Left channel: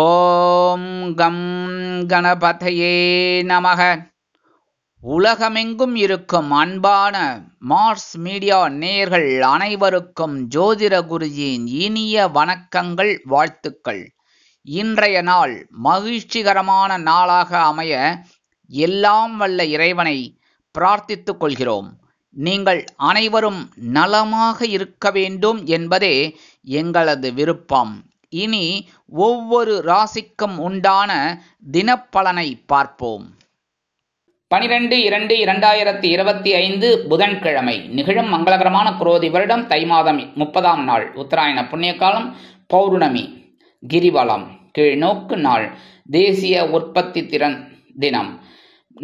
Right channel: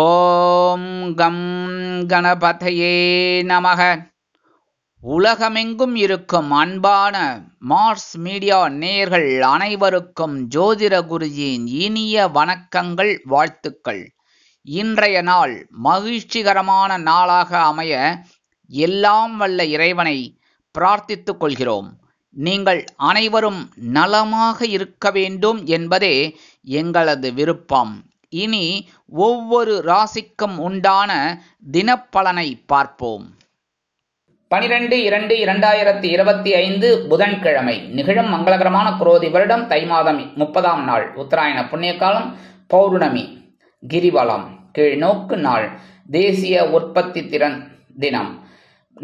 ஓம் come கணபதையே நமக. உலகமெங்கும் இருக்கும் அன்பான மார்ஸ் மீடியா நேயர்கள் அனைவருக்கும் ஜோதிட குருஜியின் இனிய வணக்கங்கள், வாழ்த்துக்கள். இன்றைய நாள் மகிழ்ச்சிகரமான நாளாக அமைய எல்லாம் வல்ல இறைவனை பிரார்த்தித்துக் கொள்கிறோம். நீங்கள் அனைவரும் நலமாக இருக்க வேண்டும் என்பதே எங்களது விருப்பம். இனி ஒவ்வொரு ராசிக்கும் உண்டான தினப்பலனை பார்ப்போம். 12/2/2025 புதன்கிழமை நிகழும் மங்களகரமான குரோதி வருடம் தை மாதம் 30ஆம் நாள், உத்தராயண புண்ணிய காலம், பௌர்ணமி, கிரிவலம், கீழ்நோக்கு நாள், தேசிய உற்பத்தி திறன் தினம்.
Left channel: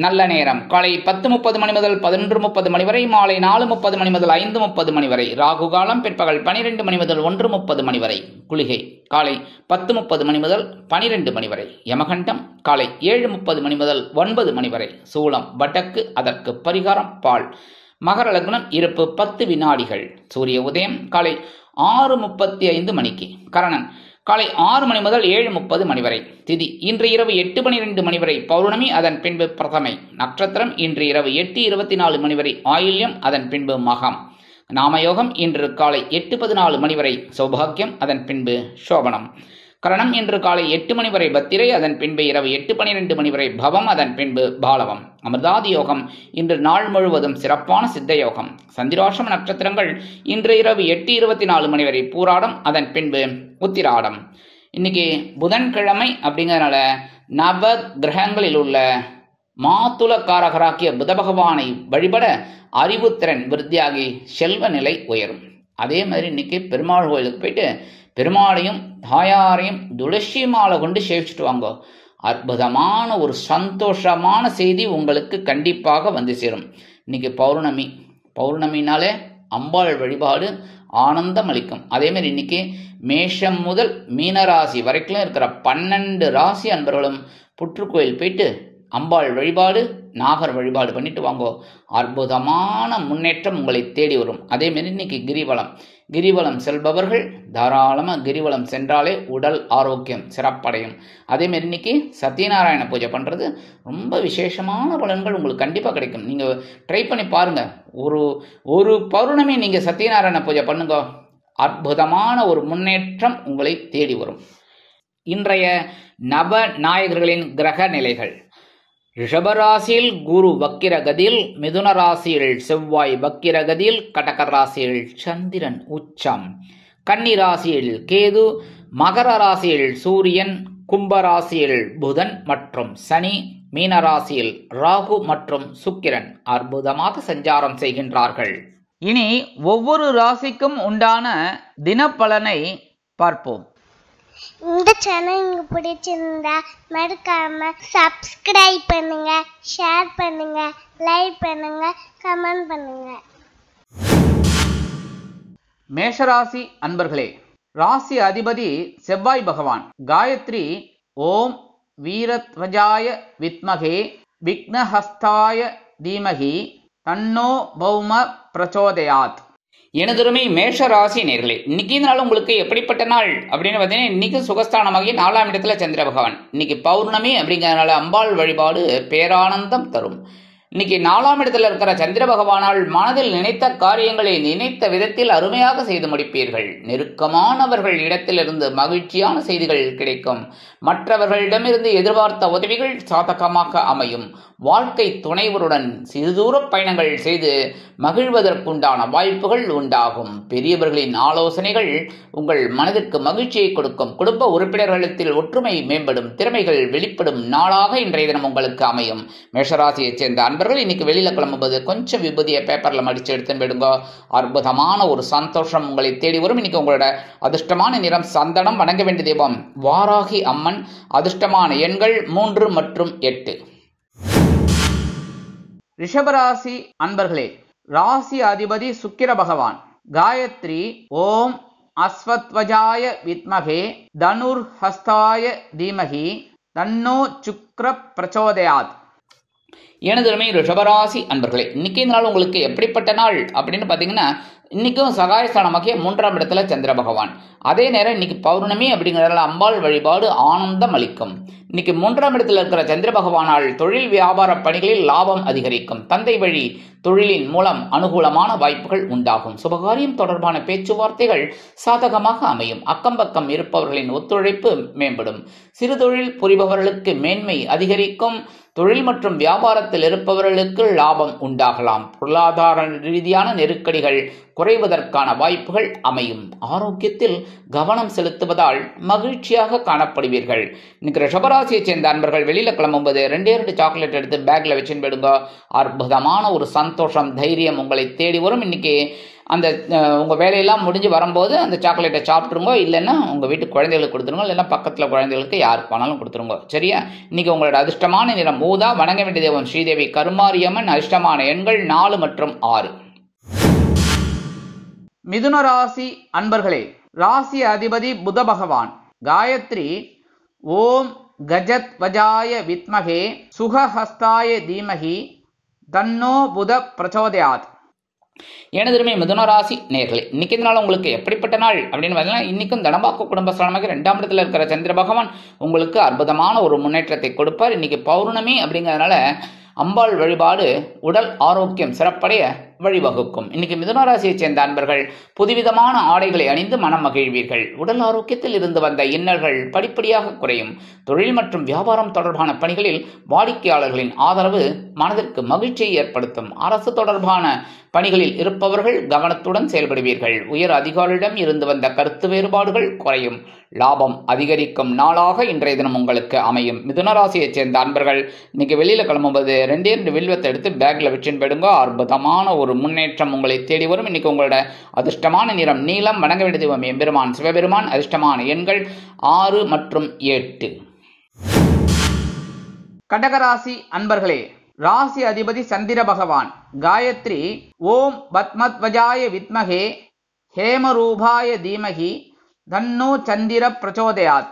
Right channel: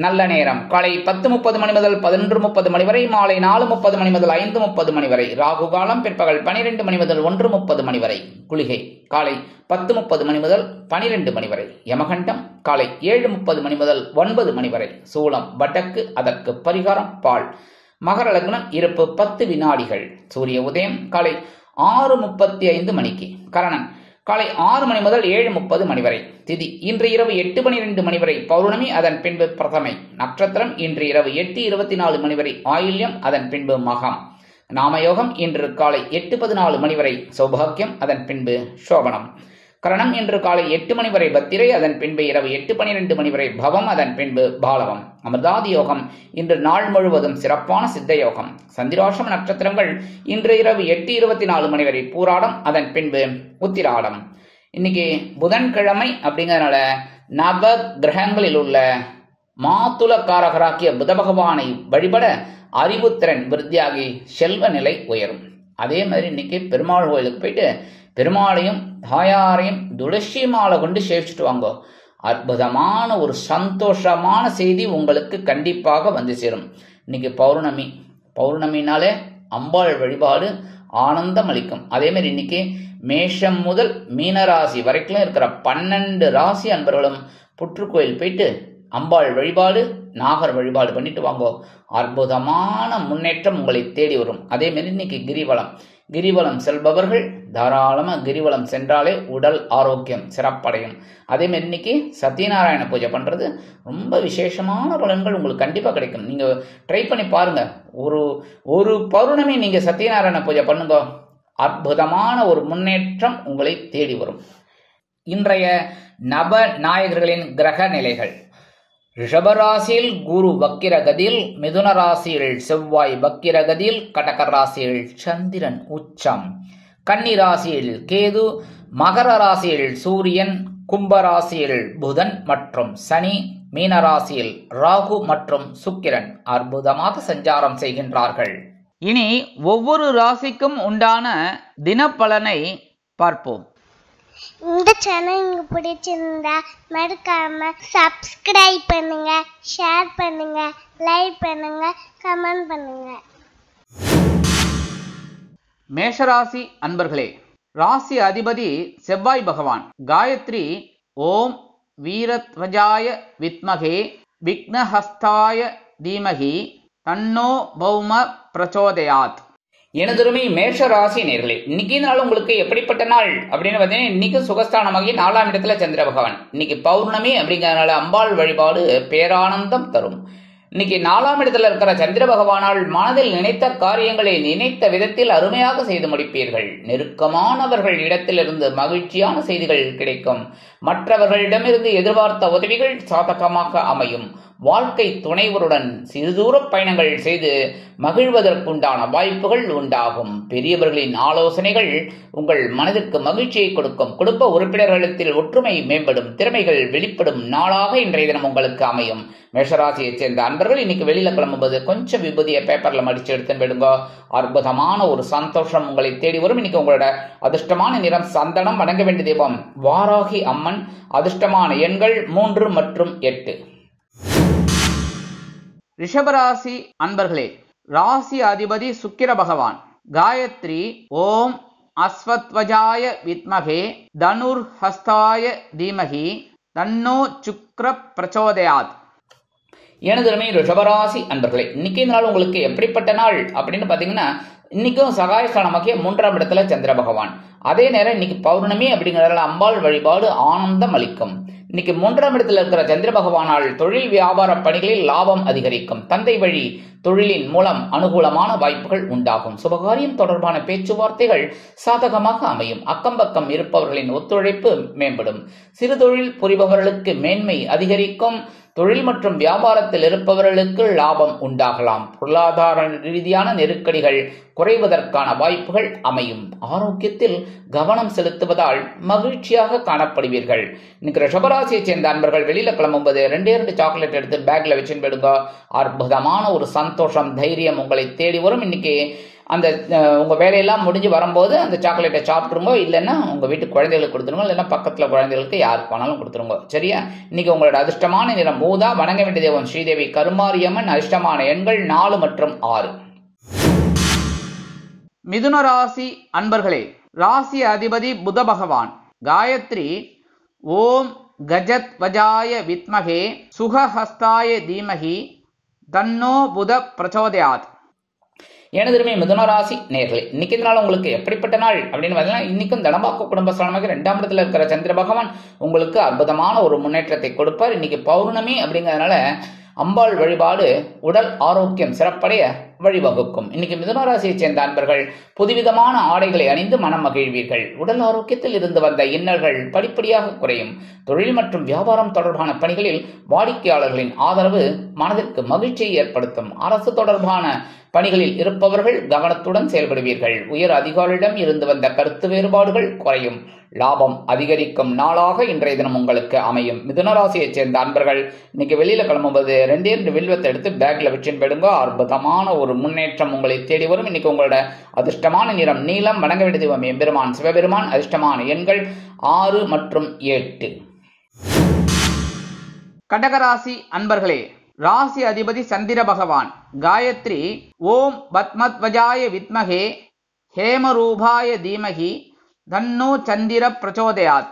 நல்ல நேரம் காலை 10:30 மணி முதல் 11:30 மணி வரை, மாலை 4:30 மணி முதல் 5:30 மணி வரை, ராகு காலம் பிற்பகல் 12 மணி முதல் 1:30 மணி வரை, குளிகை காலை 10:30 மணி முதல் 12 மணி வரை, யமகண்டம் காலை 7:30 மணி முதல் 9 மணி வரை, சூலம் வடக்கு, அதற்கு பரிகாரம் பால். மகர லக்னம், இருப்பு 10 வினாடிகள். சூரிய உதயம் காலை 6:35 மணிக்கு. கரணன் காலை 6 மணி முதல் 7:30 மணி வரை. திதி இன்று இரவு 8:12 மணி வரை பௌர்ணமி, அதன் பின்பு பிரதமை. நட்சத்திரம் இன்று இரவு 8:24 மணி வரை ஆயில்யம், அதன் பின்பு மகம். நாமயோகம் இன்று காலை 8:14 மணி வரை சௌபாகியம், அதன் பின்பு சோபனம். கரணம் இன்று காலை 8 மணி வரை பத்திரை, அதன் பின்பு இரவு 8:12 மணி வரை பவம், அதன் பின்பு பாலவம். அமிர்தாதி யோகம் இன்று நாள் முழுவதும் சிறப்பான சித்த யோகம். சந்திராஷ்டம நட்சத்திரங்கள் இன்று இரவு 8:24 மணி வரை பூராடம், அதன் பின்பு உத்திராடம். இன்னைக்கு புதன்கிழமை அப்படிங்கிறதுனால நவ கிரகங்களில் உள்ள மாத்துலக்காரகராக்கிய புத பகவானை வழிபட அறிவுத்திறன் விருத்தியாகி செல்வ நிலை உயரும். அதே மாதிரி இன்னைக்கு பெருமாள் கோயிலுக்கு போயிட்டு பெருமாளையும் தாயாரையும் துளசி மாலை கொண்டு சேவிச்சுட்டு வாங்க. அற்புதமான ஒரு சந்தோஷமான செய்தி உங்களுக்கு கண்டிப்பாக வந்து சேரும். இன்னைக்கு பௌர்ணமி. பௌர்ணமினாலே அம்பாள் வழிபாடு ஆனந்தம் அளிக்கும். அதே மாதிரி இன்னைக்கு மேஷம் முதல் மீனராசி வரைக்கும் இருக்கிற 12 ராசி அன்பர்களும் புற்றுக்கோயில் போயிட்டு அம்பாள் வழிபாடு, நாகர் வழிபாடு பண்ணிட்டு வாங்கோ. அற்புதமான முன்னேற்றம் உங்களை தேடி வரும். அதே மாதிரி இன்னைக்கு கிரிவலம். கிரிவலம் செல்பவர்கள் தாராளமாக கிரிவலம் சென்றாலே உடல் ஆரோக்கியம் சிறப்படையும். அதே மாதிரி இன்னைக்கு சத்யநாராயண பூஜை பண்ணுறது ரொம்ப விசேஷமான பலன்கள் உங்களுக்கு கண்டிப்பாக கிடைக்கும். நீங்கள் ட்ரை பண்ணி பாருங்க. ஒரு பௌர்ணமி நீங்கள் சத்யநாராயண பூஜை பண்ணுங்க, அற்புதமான ஒரு முன்னேற்றம் உங்களை தேடி வரும். இன்றைய நவ நாயகர்களின் கிரக நிலைகள். ரிஷபராசியில் குரு வக்கிரகதியில், மிதுன ராசியில் செவ்வாய் வக்கிரகதியில், கடக ராசியில் சந்திரன் உச்சம், கன்னி ராசியில் கேது, மகர ராசியில் சூரியன், கும்பராசியில் புதன் மற்றும் சனி, மீன ராசியில் ராகு மற்றும் சுக்கிரன் அற்புதமாக சஞ்சாரம் செய்கின்றார்கள். இனி ஒவ்வொரு ராசிக்கும் உண்டான தினப்பலனை பார்ப்போம். இந்த சேனல் உங்களுக்கு பிடிச்சிருந்தா மறக்காம சப்ஸ்கிரைப் பண்ணுங்க, ஷேர் பண்ணுங்க, லைக் பண்ணுங்க, கமெண்ட் பண்ணுங்க. மேஷராசி அன்பர்களே, ராசி அதிபதி செவ்வாய் பகவான். காயத்ரி ஓம் வீரத்வஜாய வித்மகே விக்னஹஸ்தாய தீமகி தன்னோ பௌம பிரச்சோதயாத். எனதுருமை மேஷ ராசி நேர்களே, இன்னைக்கு இந்த நாள் உங்களுக்கு எப்படிப்பட்ட நாள் அப்படின்னு பார்த்தீங்கன்னா, இன்னைக்கு சுகஸ்தானமாகி 4ஆம் இடத்துல சந்திர பகவான். இன்னைக்கு பௌர்ணமி அப்படிங்கிறதுனால அம்பாள் வழிபாடு பேரானந்தம் தரும். இன்னைக்கு 4ஆம் இடத்துல இருக்கிற சந்திர பகவானால் மனதில் நினைத்த காரியங்களை நினைத்த விதத்தில் அருமையாக செய்து முடிப்பீர்கள். நெருக்கமானவர்கள் இடத்திலிருந்து மகிழ்ச்சியான செய்திகள் கிடைக்கும். மற்றவர்களிடமிருந்து எதிர்பார்த்த உதவிகள் சாதகமாக அமையும். வாழ்க்கை துணைவருடன் சிறுதூர பயணங்கள் செய்து மகிழ்வதற்குண்டான வாய்ப்புகள் உண்டாகும். பெரியவர்களின் ஆலோசனைகள் உங்கள் மனதிற்கு மகிழ்ச்சியை கொடுக்கும். குடும்ப உறுப்பினர்களிடத்தில் ஒற்றுமை மேம்படும். திறமைகள் வெளிப்படும் நாளாக இன்றைய தினம் உங்களுக்கு அமையும். மேஷராசியைச் சேர்ந்த அன்பர்கள் இன்னைக்கு வெளியில கிளம்பும்போது கொஞ்சம் விபூதியை பேப்பர்ல மடிச்சு எடுத்துன்னு விடுங்க. அற்புதமான ஒரு சந்தோஷம் உங்களை தேடி வரும். இன்னைக்கு உங்களோட அதிர்ஷ்டமான நிறம் சந்தனம். வணங்க வேண்டிய தெய்வம் வாராகி அம்மன். அதிர்ஷ்டமான எண்கள் 3 மற்றும் 8. ரிஷபராசி அன்பர்களே, ராசி அதிபதி சுக்கிர பகவான். காயத்ரி ஓம் அஸ்வத்வஜாய வித்மகே தனுர் ஹஸ்தாய தீமகி தன்னோ சுக்ர பிரச்சோதயாத். எனதுமே ரிஷபராசி அன்பர்களே, இன்னைக்கு நாள் உங்களுக்கு எப்படிப்பட்ட நாள் அப்படின்னு பாத்தீங்கன்னா, இன்னைக்கும் சகாயஸ்தானமாகிய 3ஆம் இடத்துல சந்திர பகவான். அதே நேரம் இன்னைக்கு பௌர்ணமி அப்படிங்கிறதுல அம்பாள் வழிபாடு ஆனந்தம் அளிக்கும். இன்னைக்கு 3ஆம் இடத்துல இருக்கிற சந்திர பகவானால் தொழில் வியாபார பணிகளில் லாபம் அதிகரிக்கும். தந்தை வழி தொழிலின் மூலம் அனுகூலமான வாய்ப்புகள் உண்டாகும். சுபகாரியம் தொடர்பான பேச்சுவார்த்தைகள் சாதகமாக அமையும். அக்கம் பக்கம் இருப்பவர்களின் ஒத்துழைப்பு மேம்படும். சிறு தொழில் புரிபவர்களுக்கு மேன்மை அதிகரிக்கும். தொழில் மற்றும் வியாபாரத்தில் இருப்பவர்களுக்கு லாபம் உண்டாகலாம். பொருளாதார ரீதியான நெருக்கடிகள் குறைவதற்கான வாய்ப்புகள் அமையும். ஆரோக்கியத்தில் கவனம் செலுத்துவதால் மகிழ்ச்சியாக காணப்படுவீர்கள். இன்னைக்கு ரிஷபராசியை சேர்ந்த அன்பர்கள் வெளியில கிளம்பும்போது 2 சாக்லேட் எடுத்து பேக்ல வச்சுன்னு போயிடுங்க. அற்புதமான ஒரு சந்தோஷம், தைரியம் உங்களை தேடி வரும். இன்னைக்கு அந்த உங்க வேலையெல்லாம் முடிஞ்சு வரும்போது அந்த சாக்லேட்டை சாப்பிட்டுருங்க. இல்லைன்னா உங்க வீட்டு குழந்தைகளுக்கு கொடுத்துருங்க, இல்லைன்னா பக்கத்துல குழந்தைகளுக்கு யாருக்கு வேணாலும் கொடுத்துருங்க. சரியா? இன்னைக்கு உங்களோட அதிர்ஷ்டமான நிறம் ஊதா. வணங்க வேண்டிய தெய்வம் ஸ்ரீதேவி கருமாரியம்மன். அதிர்ஷ்டமான எண்கள் 4 மற்றும் 6. மிதுன ராசி அன்பர்களே, ராசி அதிபதி புத பகவான். காயத்ரி ஓம் கஜத் வஜாய வித்மகே சுகஹஸ்தாய தீமகி தன்னோ புத பிரச்சோதயாத். எனதுமே மிதுன ராசி நேர்களே, இன்னைக்கு நாள் உங்களுக்கு எப்படிப்பட்ட நாள் அப்படின்னு பார்த்தீங்கன்னா, இன்னைக்கும் தனபாக்கு குடும்பஸ்தானமாக 2ஆம் இடத்துல இருக்கிற சந்திர பகவான் உங்களுக்கு அற்புதமான ஒரு முன்னேற்றத்தை கொடுப்பார். இன்னைக்கு பௌர்ணமி அப்படிங்கிறதுனால அம்பாள் வழிபாடு உடல் ஆரோக்கியம் சிறப்படைய வழிவகுக்கும். இன்னைக்கு மிதுன ராசியை சேர்ந்த அன்பர்கள் புதுவிதமான ஆடைகளை அணிந்து மனம் மகிழ்வீர்கள். உடல் ஆரோக்கியத்தில் இருந்து வந்த இன்னல்கள் படிப்படியாக குறையும். தொழில் மற்றும் வியாபாரம் தொடர்பான பணிகளில் வாடிக்கையாளர்களின் ஆதரவு மனதிற்கு மகிழ்ச்சியை ஏற்படுத்தும். அரசு தொடர்பான பணிகளில் இருப்பவர்கள் கவனத்துடன் செயல்படுவீர்கள். உயர் அதிகாரியிடம் இருந்து வந்த கருத்து வேறுபாடுகள் குறையும். லாபம் அதிகரிக்கும் நாளாக இன்றைய தினம் உங்களுக்கு அமையும். மிதுன ராசியை சேர்ந்த அன்பர்கள் இன்னைக்கு வெளியில கிளம்பும்போது 2 வில்வத்தை எடுத்து பேக்ல வச்சுன்னு போயிடுங்க. அற்புதமான ஒரு முன்னேற்றம் உங்களை தேடி வரும். இன்னைக்கு உங்களோட அதிர்ஷ்டமான நிறம் நீலம். வணங்க வேண்டிய தெய்வம் எம்பெருமான் சிவபெருமான். அதிர்ஷ்டமான எண்கள் 6 மற்றும் 8. கடகராசி அன்பர்களே, ராசி அதிபதி சந்திர பகவான். காயத்ரி ஓம் பத்மத்வஜாய வித்மகே ஹேமரூபாய தீமகி தன்னோ சந்திர பிரச்சோதயாத்.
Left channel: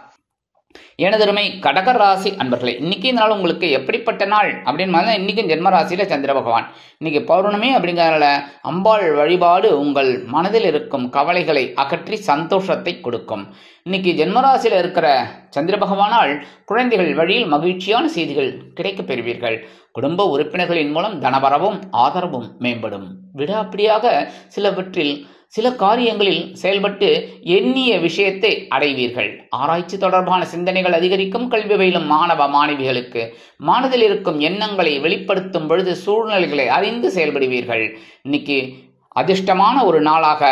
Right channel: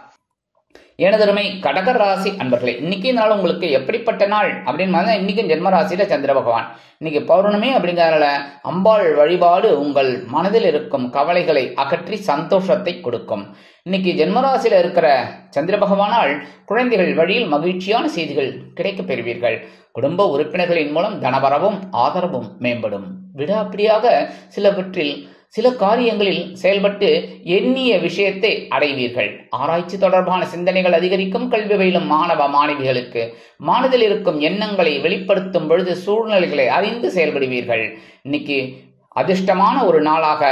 எனதருமை கடக ராசி அன்பர்களே, இன்னைக்கு நாள் உங்களுக்கு எப்படிப்பட்ட நாள் அப்படின்னு இன்னைக்கும் ஜென்ம ராசியில சந்திர பகவான். இன்னைக்கு பௌர்ணமி அப்படிங்கிறதுனால அம்பாள் வழிபாடு உங்கள் மனதில் இருக்கும் கவலைகளை அகற்றி சந்தோஷத்தை கொடுக்கும். இன்னைக்கு ஜென்மராசியில இருக்கிற சந்திர பகவானால் குழந்தைகள் வழியில் மகிழ்ச்சியான செய்திகள் கிடைக்கப் பெறுவீர்கள். குடும்ப உறுப்பினர்களின் மூலம் தனவரவும் ஆதரவும் மேம்படும். விடாப்பிடியாக சில காரியங்களில் செயல்பட்டு எண்ணிய விஷயத்தை அடைவீர்கள். ஆராய்ச்சி தொடர்பான சிந்தனைகள் அதிகரிக்கும். கல்வி பயிலும் மாணவ மாணவிகளுக்கு மனதில் இருக்கும் எண்ணங்களை வெளிப்படுத்தும் பொழுது சூழ்நிலைகளை அறிந்து செயல்படுவீர்கள். இன்னைக்கு அதிர்ஷ்டமான ஒரு நாளாக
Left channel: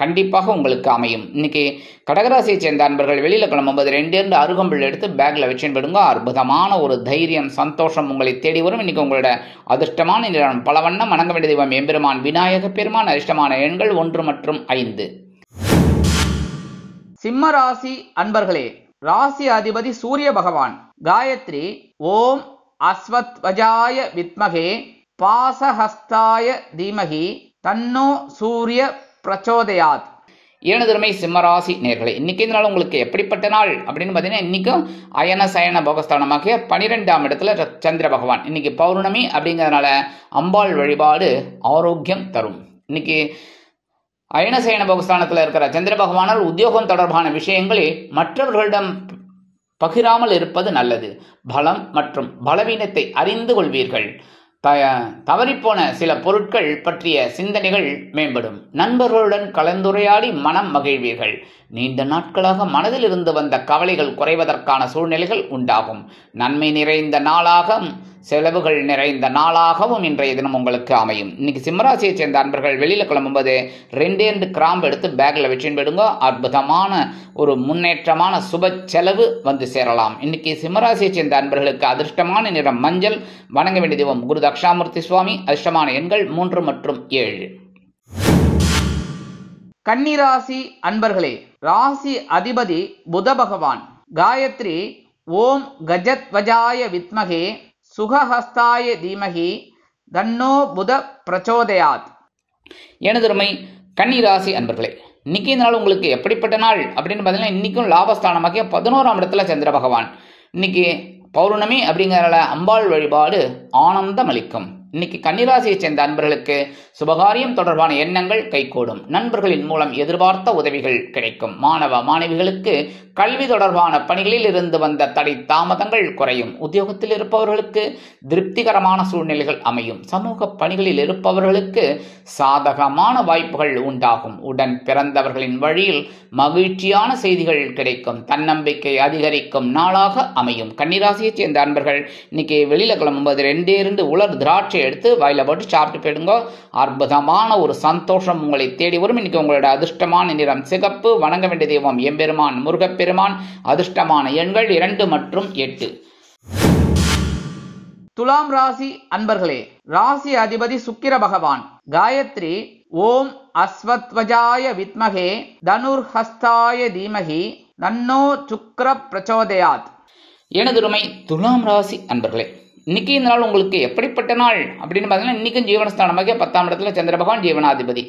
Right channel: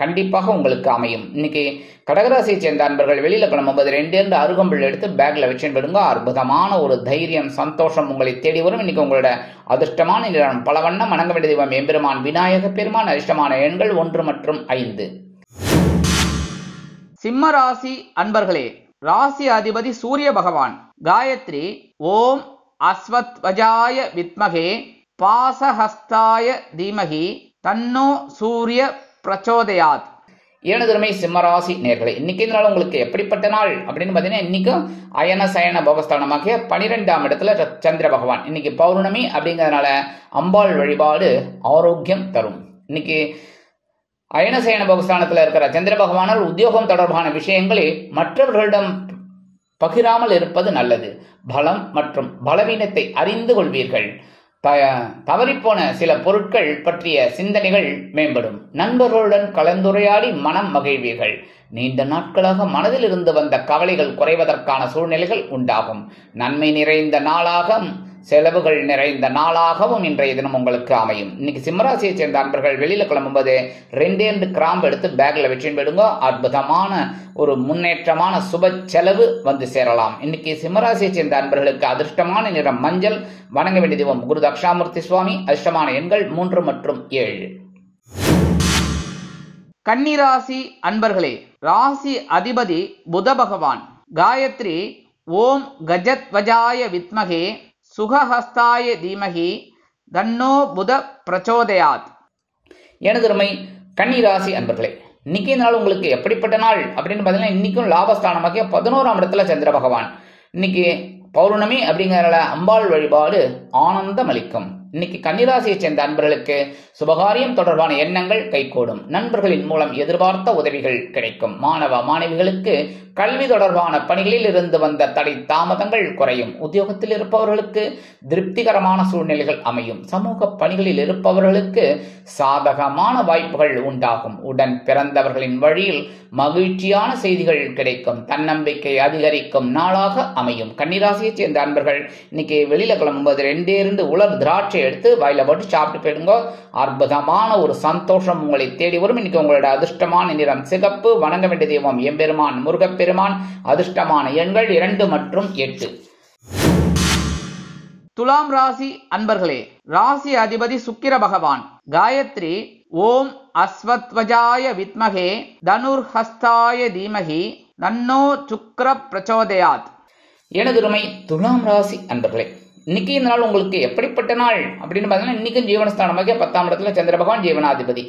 கண்டிப்பாக உங்களுக்கு அமையும். இன்னைக்கு கடகராசியை சேர்ந்த அன்பர்கள் வெளியில கிளம்பும்போது 2 அருகம்புல் எடுத்து பேக்ல வச்சுடுங்க. அற்புதமான ஒரு தைரியம் சந்தோஷம் உங்களை தேடி வரும். இன்னைக்கு உங்களோட அதிர்ஷ்டமான நிறம் பலவண்ணம். வணங்க வேண்டிய தெய்வம் எம்பெருமான் விநாயக பெருமான். அதிர்ஷ்டமான எண்கள் 1 மற்றும் 5. சிம்ம ராசி அன்பர்களே, ராசி அதிபதி சூரிய பகவான். காயத்ரி ஓம் அஸ்வத்வஜாய வித்மகே பாசஹஸ்தாய தீமகி தன்னோ சூரிய பிரச்சோதயாத். ஏனதுமே சிம்மராசி நேர்களே, இன்னைக்கு நாள் உங்களுக்கு எப்படிப்பட்ட நாள் அப்படின்னு பார்த்தீங்கன்னா, இன்னைக்கும் அயன சயன போகஸ்தானமாக 12ஆம் இடத்துல சந்திர பகவான். இன்னைக்கு பௌர்ணமி அப்படிங்கிறதுனால அம்பாள் வழிபாடு ஆரோக்கியம் தரும். இன்னைக்கு அயன சயன போகஸ்தானத்தில் இருக்கிற சந்திர பகவானால் உத்தியோகம் தொடர்பான விஷயங்களை மற்றவர்களிடம் பகிராமல் இருப்பது நல்லது. பலம் மற்றும் பலவீனத்தை அறிந்து கொள்வீர்கள். தவறிப்போன சில பொருட்கள் பற்றிய சிந்தனைகள் மேம்படும். நண்பர்களுடன் கலந்துரையாடி மனம் மகிழ்வீர்கள். நீண்ட நாட்களாக மனதில் இருந்து வந்த கவலைகள் குறைவதற்கான சூழ்நிலைகள் உண்டாகும். நன்மை நிறைந்த நாளாகவும் செலவுகள் நிறைந்த நாளாகவும் இன்றைய தினம் உங்களுக்கு அமையும். இன்னைக்கு சிம்மராசியை சேர்ந்த அன்பர்கள் வெளியில கிளம்பும்போது 2 கிராம்பு எடுத்து பேக்ல வச்சுன்னு போயிடுங்க. அற்புதமான ஒரு முன்னேற்றமான சுப செலவு வந்து சேரலாம். இன்னைக்கு சிம்மராசியை சேர்ந்த அன்பர்களுக்கு அதிர்ஷ்டமான நிறம் மஞ்சள். வணங்க வேண்டிய தெய்வம் குரு தக்ஷாமூர்த்தி சுவாமி. அதிர்ஷ்டமான எண்கள் 3 மற்றும் 7. கன்னிராசி அன்பர்களே, ராசி அதிபதி புத பகவான். காயத்ரி ஓம் கஜத்வஜாய வித்மகே சுகஹஸ்தாய தீமகி தன்னோ புத பிரச்சோதயாத். எனதுமை கன்னிராசி அன்பர்களே, இன்னைக்கு நாள் உங்களுக்கு எப்படிப்பட்ட நாள் அப்படின்னு பார்த்தீங்கன்னா, இன்னைக்கும் லாபஸ்தானமாக 11ஆம் இடத்துல சந்திர பகவான். இன்னைக்கு பௌர்ணமி அப்படிங்கிற அம்பாள் வழிபாடு ஆனந்தம் அளிக்கும். இன்னைக்கு கன்னிராசியை சேர்ந்த அன்பர்களுக்கு சுபகாரியம் தொடர்பான எண்ணங்கள் கைகூடும். நண்பர்களின் மூலம் எதிர்பார்த்த உதவிகள் கிடைக்கும். மாணவ மாணவிகளுக்கு கல்வி தொடர்பான பணிகளில் இருந்து வந்த தடை தாமதங்கள் குறையும். உத்தியோகத்தில் இருப்பவர்களுக்கு திருப்திகரமான சூழ்நிலைகள் அமையும். சமூக பணிகளில் இருப்பவர்களுக்கு சாதகமான வாய்ப்புகள் உண்டாகும். உடன் பிறந்தவர்களின் வழியில் மகிழ்ச்சியான செய்திகள் கிடைக்கும். தன்னம்பிக்கை அதிகரிக்கும் நாளாக அமையும். கன்னிராசியை சேர்ந்த அன்பர்கள் இன்னைக்கு வெளியில கிளம்பும்போது 2 உலர் திராட்சை எடுத்து வாயில போட்டு சாப்பிட்டு போயிடுங்க. அற்புதமான ஒரு சந்தோஷம் உங்களை தேடி வரும். இன்னைக்கு உங்களோட அதிர்ஷ்டமான நிறம் சிகப்பு. வணங்க வேண்டிய தெய்வம் எம்பெருமான் முருகப்பெருமான். அதிர்ஷ்டமான எண்கள் 2 மற்றும் 8. துலாம் ராசி அன்பர்களே, ராசி அதிபதி சுக்கிர பகவான். காயத்ரி ஓம் அஸ்வத்வஜாய வித்மகே தனுர்ஹஸ்தாய தீமகி தன்னோ சுக்ர பிரச்சோதயாத். எனதுருமை துலாம் ராசி அன்பர்களே, இன்னைக்கு இந்த நாள் உங்களுக்கு எப்படிப்பட்ட நாள் அப்படின்னு பார்த்தீங்கன்னா, இன்னைக்கும் ஜீவனஸ்தானமாக 10ஆம் இடத்துல சந்திர பகவான் ஜீவனாதிபதி.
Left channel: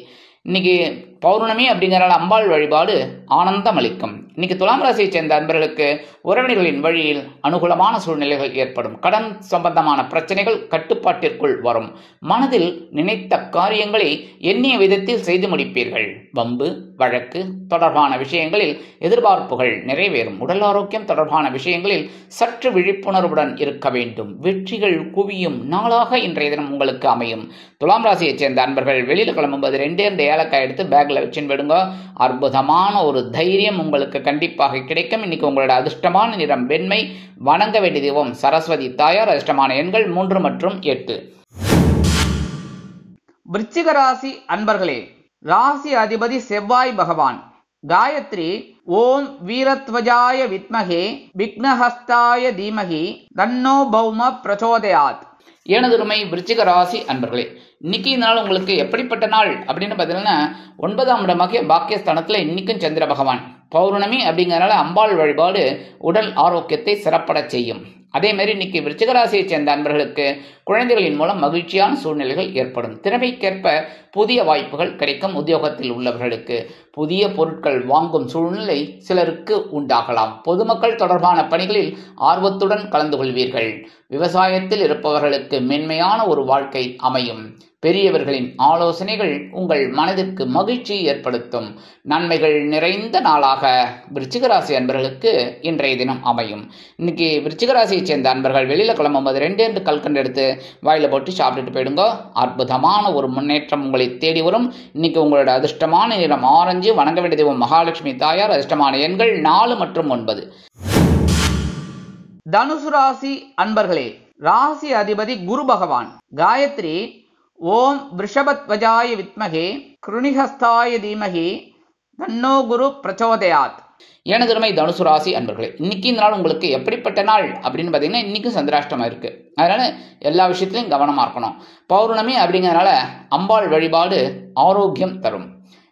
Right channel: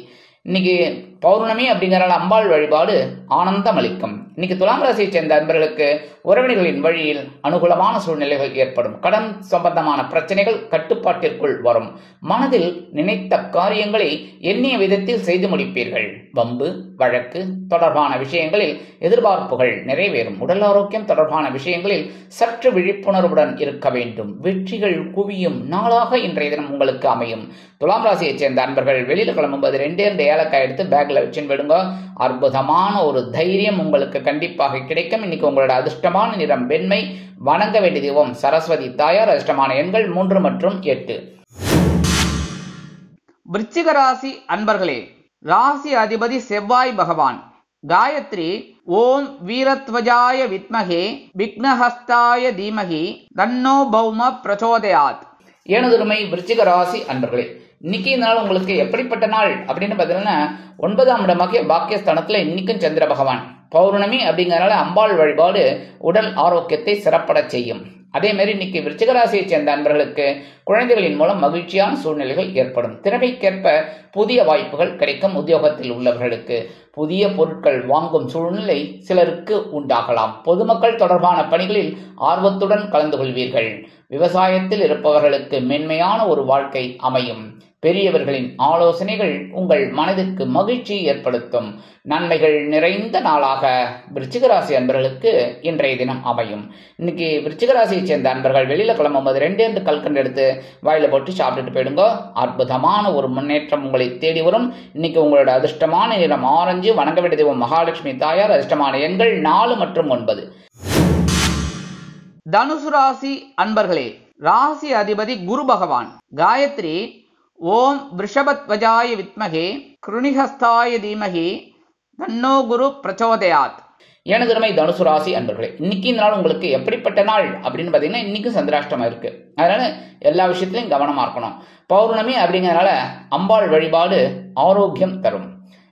இன்னைக்கு பௌர்ணமி அப்படிங்கிறனால அம்பாள் வழிபாடு ஆனந்தம் அளிக்கும். இன்னைக்கு துலாம் ராசியை சேர்ந்த அன்பர்களுக்கு உறவினர்களின் வழியில் அனுகூலமான சூழ்நிலைகள் ஏற்படும். கடன் சம்பந்தமான பிரச்சனைகள் கட்டுப்பாட்டிற்குள் வரும். மனதில் நினைத்த காரியங்களை எண்ணிய விதத்தில் செய்து முடிப்பீர்கள். வம்பு வழக்கு தொடர்பான விஷயங்களில் எதிர்பார்ப்புகள் நிறைவேறும். உடல் ஆரோக்கியம் தொடர்பான விஷயங்களில் சற்று விழிப்புணர்வுடன் இருக்க வேண்டும். வெற்றிகள் குவியும் நாளாக இன்றைய தினம் உங்களுக்கு அமையும். துலாம் ராசியை சேர்ந்த அன்பர்கள் வெளியில் கிளம்பும்போது 2 ஏலக்காய் எடுத்து பேக்ல வச்சுன்னு விடுங்க. அற்புதமான ஒரு தைரியம் உங்களுக்கு கண்டிப்பாக கிடைக்கும். இன்னைக்கு உங்களோட அதிர்ஷ்டமான நிறம் வெண்மை. வணங்க வேண்டிய தெய்வம் சரஸ்வதி தாயார். அதிர்ஷ்டமான எண்கள் 3 மற்றும் 8. விருச்சிக ராசி அன்பர்களே, ராசி அதிபதி செவ்வாய் பகவான். காயத்ரி ஓம் வீரத்வஜாய வித்மகே விக்னஹஸ்தாய தீமகி தன்னோ பௌம பிரச்சோதயாத். எனதுருமை விருச்சிக ராசி அன்பர்களே, இன்னைக்கு நாள் உங்களுக்கு எப்படிப்பட்ட நாள் அப்படின்னு பார்த்தீங்கன்னா, 9ஆம் இடமாகிய பாக்கியஸ்தானத்துல இன்னைக்கும் சந்திர பகவான். பௌர்ணமி அப்படிங்கறனால அம்பாள் வழிபாடு உடல் ஆரோக்கியத்தை சிறப்பட செய்யும். அதே மாதிரி இன்னைக்கு விருச்சிக ராசியை சேர்ந்த அன்பர்களுக்கு குழந்தைகளின் மூலம் மகிழ்ச்சியான சூழ்நிலைகள் ஏற்படும். திறமைக்கேற்ப புதிய வாய்ப்புகள் கிடைக்கும். உத்தியோகத்தில் உள்ளவர்களுக்கு புதிய பொருட்கள் வாங்கும் சூழ்நிலை சிலருக்கு உண்டாகலாம். பொதுமக்கள் தொடர்பான பணிகளில் ஆர்வத்துடன் கலந்து கொள்வீர்கள். விவசாயத்தில் இருப்பவர்களுக்கு மென்மையான ஒரு வாழ்க்கை அமையும். பெரியவர்களின் ஆலோசனைகள் உங்கள் மனதிற்கு மகிழ்ச்சி ஏற்படுத்தும். நன்மைகள் நிறைந்த நாளாக விருச்சிக ராசி அன்பர்களுக்கு இன்றைய தினம் அமையும். இன்னைக்கு விருச்சிக ராசியை சேர்ந்த அன்பர்கள் வெளியில கிளம்பும்போது 2 கல்கண்டு எடுத்து வாயில போட்டு சாப்பிட்டுட்டு போயிடுங்க. அற்புதமான ஒரு முன்னேற்றம் உங்களை தேடி வரும். இன்னைக்கு உங்களோட அதிர்ஷ்டமான நிறம் ஆரஞ்சு. வணங்க வேண்டிய தெய்வம் மகாலட்சுமி தாயார். அதிர்ஷ்டமான எண்கள் 4 மற்றும் 9. தனுசு ராசி அன்பர்களே, ராசி அதிபதி குரு பகவான். காயத்ரி ஓம் விருஷபத்வஜாய வித்மகே கிருணிஹஸ்தாய தீமகி தன்னோ குரு பிரச்சோதயாத். எனதுமை தனுசு ராசி அன்பர்களே, இன்னைக்கு இந்த நாள் உங்களுக்கு எப்படிப்பட்ட நாள் அப்படின்னு பார்த்தீங்கன்னா, இன்னைக்கும் சந்திராஷ்டமம் இருக்கு. அதனால எல்லா விஷயத்திலையும் கவனமா இருக்கணும். பௌர்ணமி அப்படிங்கிறதுனால அம்பாள் வழிபாடு ஆரோக்கியம் தரும்.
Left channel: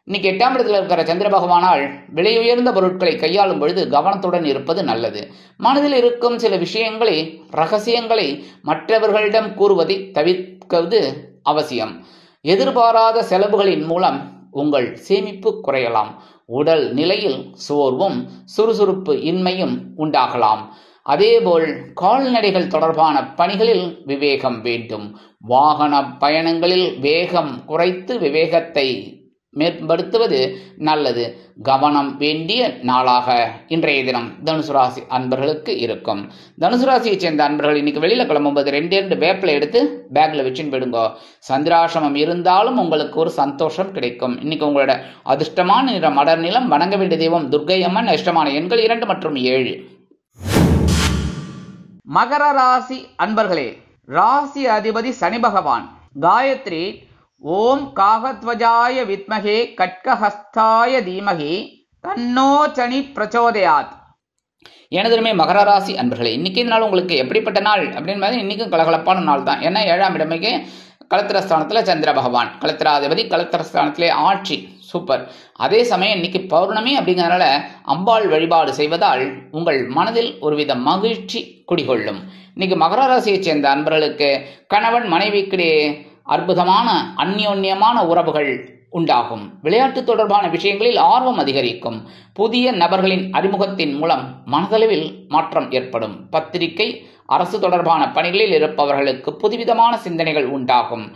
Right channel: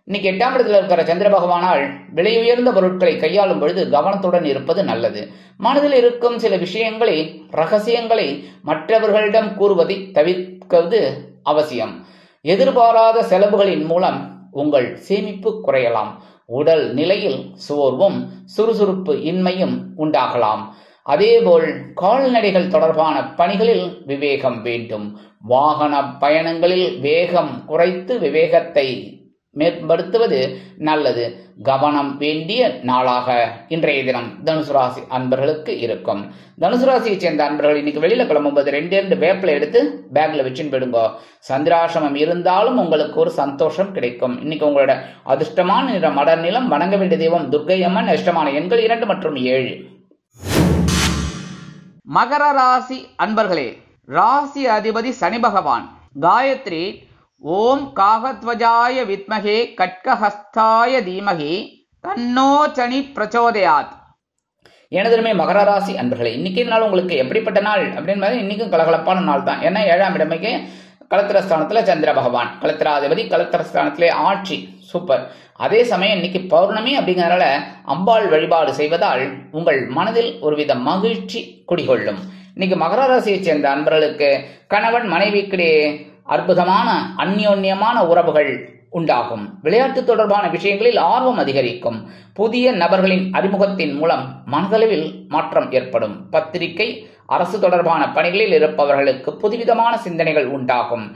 இன்னைக்கு 8ஆம் இடத்துல இருக்கிற சந்திர பகவானால் விலை உயர்ந்த பொருட்களை கையாளும் பொழுது கவனத்துடன் இருப்பது நல்லது. மனதில் இருக்கும் சில விஷயங்களை ரகசியங்களை மற்றவர்களிடம் கூறுவதை தவிர்ப்பது அவசியம். எதிர்பாராத செலவுகளின் மூலம் உங்கள் சேமிப்பு குறையலாம். உடல் நிலையில் சோர்வும் சுறுசுறுப்பு இன்மையும் உண்டாகலாம். அதேபோல் கால்நடைகள் தொடர்பான பணிகளில் விவேகம் வேண்டும். வாகன பயணங்களில் வேகம் குறைத்து விவேகத்தை மேம்படுத்துவது நல்லது. கவனம் வேண்டிய நாளாக இன்றைய தினம் தனுசு ராசி அன்பர்களுக்கு இருக்கும். தனுசு ராசியை சேர்ந்த அன்பர்கள் இன்னைக்கு வெளியில கிளம்பும்போது 2 வேப்பிலை எடுத்து பேக்ல வச்சுன்னு போயிடுங்க. சந்திராசிரமம் இருந்தாலும் உங்களுக்கு ஒரு சந்தோஷம் கிடைக்கும். இன்னைக்கு உங்களோட அதிர்ஷ்டமான நிறம் அடர் நிலம். வணங்க வேண்டிய தெய்வம் துர்க்கை அம்மன். அதிர்ஷ்டமான எண்கள் 2 மற்றும் 7. மகர ராசி அன்பர்களே, ராசி அதிபதி சனி பகவான். காயத்ரி ஓம் காகத்வஜாய வித்மகே கட்கஹஸ்தாய தீமகி தன்னோ சனி பிரச்சோதயாத். எனதுமே மகர ராசி அன்பர்களே, இன்னைக்கு நாள் உங்களுக்கு எப்படிப்பட்ட நாள் அப்படின்னு இன்னைக்கும் கலகலப்பான நாள் தான். ஏன்னா 7ஆம் இடமைக்கு கலத்திரஸ்தானத்துல சந்திர பகவான், கலத்திராதிபதி கலத்திரஸ்தானத்திலே ஆட்சி. சூப்பர். அதே சமயம் இன்னைக்கு பௌர்ணமி அப்படிங்கிறனால அம்பாள் வழிபாடு செய்வதால் உங்கள் மனதில் ஒருவித மகிழ்ச்சி குடிகொள்ளும். இன்னைக்கு மகர ராசியை சேர்ந்த அன்பர்களுக்கு கணவன் மனைவிக்கிடையே அற்புதமான அந்யோன்யமான உறவுகள் உண்டாகும். விளையாட்டு தொடர்பான விஷயங்களில் ஆர்வம் அதிகரிக்கும். புதிய நபர்களின் அறிமுகத்தின் மூலம் மனதளவில் மாற்றம் ஏற்படும். பத்திரிகை, அரசு தொடர்பான பணிகளில் இருப்பவர்களுக்கு புதுவிதமான சிந்தனைகள் உண்டாகும்.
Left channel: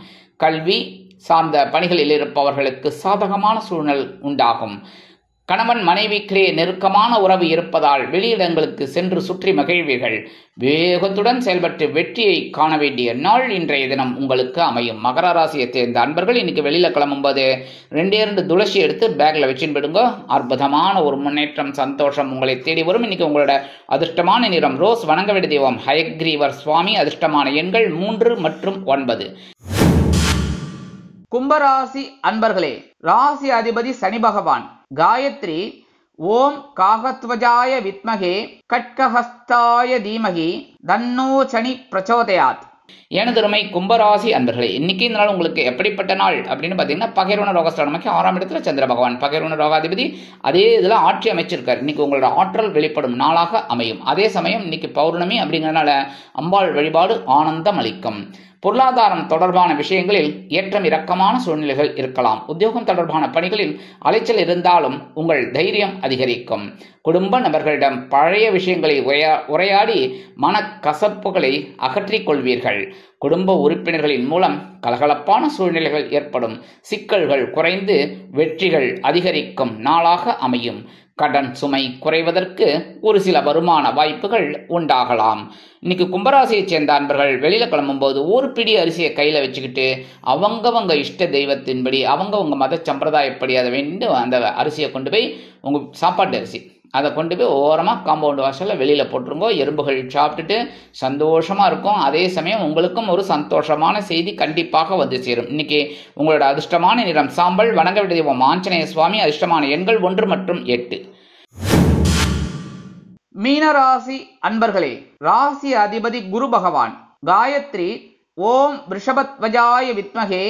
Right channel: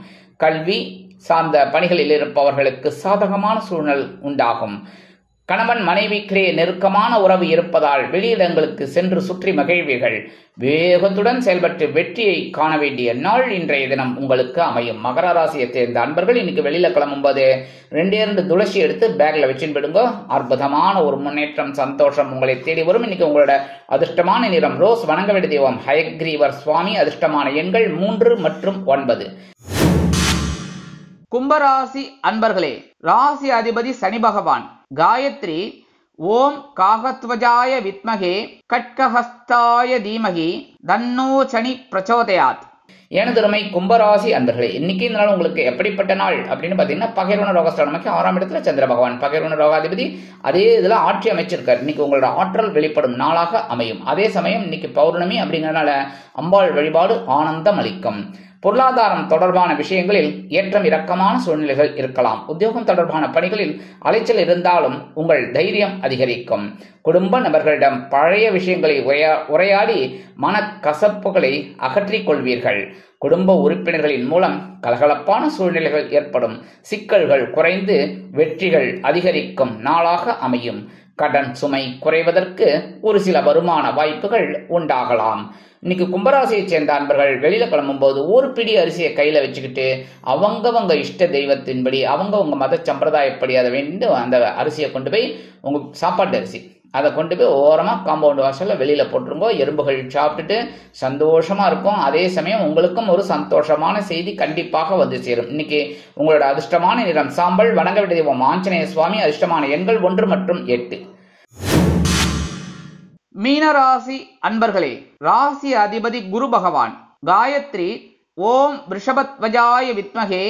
கல்வி சார்ந்த பணிகளில் இருப்பவர்களுக்கு சாதகமான சூழ்நிலை உண்டாகும். கணவன் மனைவிக்கிடையே நெருக்கமான உறவு இருப்பதால் வெளியிடங்களுக்கு சென்று சுற்றி மகிழ்வீர்கள். வேகத்துடன் செயல்பட்டு வெற்றியை காண வேண்டிய நாள் இன்றைய தினம் உங்களுக்கு அமையும். மகர ராசியை சேர்ந்த அன்பர்கள் இன்னைக்கு வெளியில கிளம்பும்போது 2 துளசி எடுத்து பேக்ல வச்சுன்னு விடுங்க. அற்புதமான ஒரு முன்னேற்றம், சந்தோஷம் உங்களை தேடி வரும். இன்னைக்கு உங்களோட அதிர்ஷ்டமான நிறம் ரோஸ். வணங்க வேண்டிய தெய்வம் ஹயக்ரீவர் சுவாமி. அதிர்ஷ்டமான எண்கள் 3 மற்றும் 9. கும்பராசி அன்பர்களே, ராசி அதிபதி சனி பகவான். காயத்ரி ஓம் காகத்வஜாய வித்மகே கட்கஹஸ்தாய தீமகி தன்னோ சனி பிரச்சோதயாத். எனதுமை கும்பராசி அன்பர்களே, இன்னைக்கு இந்த நாள் உங்களுக்கு எப்படிப்பட்ட நாள் அப்படின்னு பார்த்தீங்கன்னா, பகைரோன ரோகஸ்தானமாக்கி 6ஆம் இடத்துல சந்திர பகவான் பகைரோன ரோகாதிபதி அதே இதில் ஆட்சி அமைச்சிருக்கார். இன்னைக்கு உங்களோட ஆற்றல் வெளிப்படும் நாளாக அமையும். அதே சமயம் இன்னைக்கு பௌர்ணமி அப்படிங்கிறதுனால அம்பாள் வழிபாடு ஆனந்தம் அளிக்கும். பொருளாதாரம் தொடர்பான விஷயங்களில் ஏற்றம் இறக்கமான சூழ்நிலைகள் இருக்கலாம். உத்தியோகம் தொடர்பான பணிகளில் அலைச்சல் இருந்தாலும் உங்கள் தைரியம் அதிகரிக்கும். குடும்ப நபர்களிடம் பழைய விஷயங்களை உரையாடி மனக்கசப்புகளை அகற்றிக் கொள்வீர்கள். குடும்ப உறுப்பினர்களின் மூலம் கலகலப்பான சூழ்நிலைகள் ஏற்படும். சிக்கல்கள் குறைந்து வெற்றிகள் அதிகரிக்கும் நாளாக அமையும். கடன் சுமை குறைவதற்கு ஒரு சில வருமான வாய்ப்புகள் உண்டாகலாம். இன்னைக்கு கும்பராசியை சேர்ந்த அன்பர்கள் வெளியில கிளம்பும்போது ஒரு பிடி அரிசியை கையில வச்சுக்கிட்டு அவங்கவங்க இஷ்ட தெய்வத்தின்படி அவங்கவங்க மத சம்பிரதாயப்படி அதை வேண்டு அந்த அரிசியை கொண்டு போய் உங்க சாப்பாட்டு அரிசி அதை கொண்டு போய் ஓரமா காம்பவுண்ட் வாசல்ல வெளியில போட்டுருங்கோ. எறும்புகள் சாப்பிட்டுட்டு சந்தோஷமா இருக்கும். அதே சமயம் உங்களுக்கும் ஒரு சந்தோஷமான செய்தி கண்டிப்பாக வந்து சேரும். இன்னைக்கு உங்களோட அதிர்ஷ்டமான நிறம் சாம்பல். வணங்க வேண்டிய தெய்வம் ஆஞ்சநேய சுவாமி. அதிர்ஷ்டமான எண்கள் 1 மற்றும் 8. மீனராசி அன்பர்களே, ராசி அதிபதி குரு பகவான். காயத்ரி ஓம் ரிஷபத்வஜாய வித்மகே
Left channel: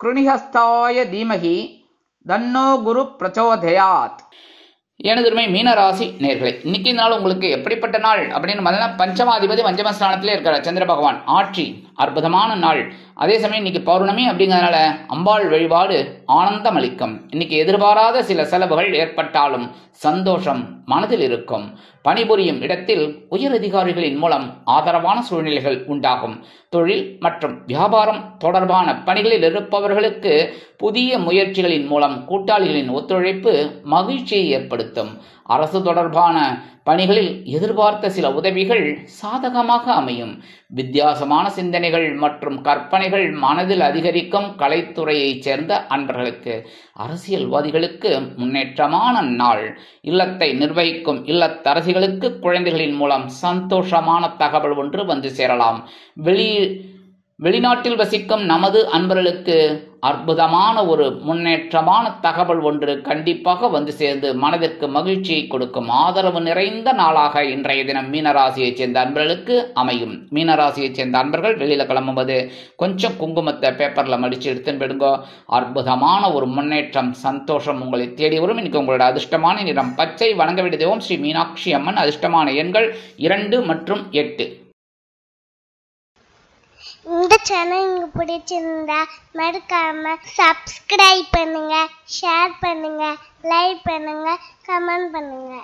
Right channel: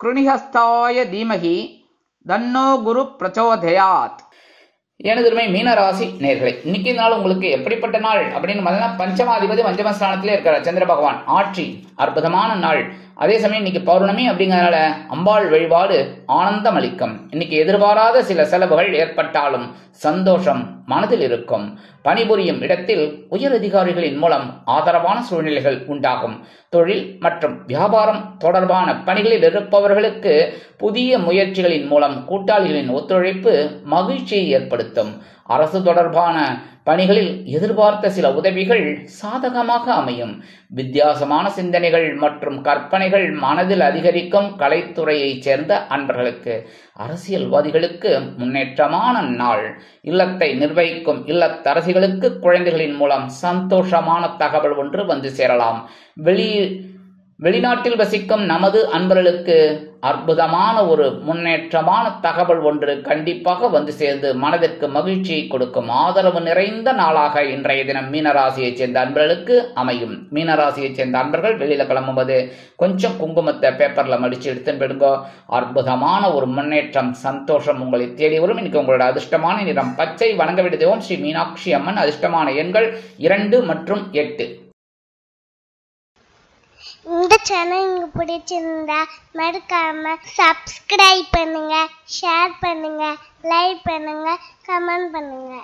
கிருணிஹஸ்தாய தீமகி தன்னோ குரு பிரச்சோதயாத். எனதுமே மீனராசி நேர்களே, இன்னைக்கு நாள் உங்களுக்கு எப்படிப்பட்ட நாள் அப்படின்னு பார்த்தீங்கன்னா, பஞ்சமாதிபதி பஞ்சமஸ்தானத்திலே இருக்கிற சந்திர பகவான் ஆட்சி அற்புதமான நாள். அதே சமயம் இன்னைக்கு பௌர்ணமி அப்படிங்கிறதுனால அம்பாள் வழிபாடு ஆனந்தம் அளிக்கும். இன்னைக்கு எதிர்பாராத சில செலவுகள் ஏற்பட்டாலும் சந்தோஷம் மனதில் இருக்கும். பணிபுரியும் இடத்தில் உயர் அதிகாரிகளின் மூலம் ஆதரவான சூழ்நிலைகள் உண்டாகும். தொழில் மற்றும் வியாபாரம் தொடர்பான பணிகளில் இருப்பவர்களுக்கு புதிய முயற்சிகளின் மூலம் கூட்டாளிகளின் ஒத்துழைப்பு மகிழ்ச்சியை ஏற்படுத்தும். அரசு தொடர்பான பணிகளில் எதிர்பார்த்த சில உதவிகள் சாதகமாக அமையும். வித்தியாசமான சிந்தனைகள் மற்றும் கற்பனைகள் மனதில் அதிகரிக்கும். கலைத்துறையைச் சேர்ந்த அன்பர்களுக்கு அரசியல்வாதிகளுக்கு முன்னேற்றமான நாள். இல்லத்தை நிர்வகிக்கும் இல்லத்தரசிகளுக்கு குழந்தைகளின் மூலம் சந்தோஷமான தகவல் ஒன்று வந்து சேரலாம். வெளிநாட்டில் வசிக்கும் நமது அன்பர்களுக்கு அற்புதமான ஒரு முன்னேற்றமான தகவல் ஒன்று கண்டிப்பாக வந்து சேர்ந்து மனதிற்கு மகிழ்ச்சியை கொடுக்கும். ஆதரவு நிறைந்த நாளாக இன்றைய தினம் மீனராசியைச் சேர்ந்த அன்பர்களுக்கு அமையும். மீனராசியைச் சேர்ந்த அன்பர்கள் வெளியில கிளம்பும்போது கொஞ்சம் குங்குமத்தை பேப்பர்ல மடிச்சு எடுத்துன்னு போயிடுங்க. அற்புதமான ஒரு முன்னேற்றம், சந்தோஷம் உங்களை தேடி வரும். இன்னைக்கு உங்களோட அதிர்ஷ்டமான நிறம் பச்சை. வணங்க வேண்டிய தெய்வம் ஸ்ரீ மீனாட்சி அம்மன். அதிர்ஷ்டமான எண்கள் 2 மற்றும் 8. இந்த சேனல் உங்களுக்கு பிடிச்சிருந்தா மறக்காம சப்ஸ்கிரைப் பண்ணுங்க, ஷேர் பண்ணுங்க, லைக் பண்ணுங்க, கமெண்ட் பண்ணுங்க.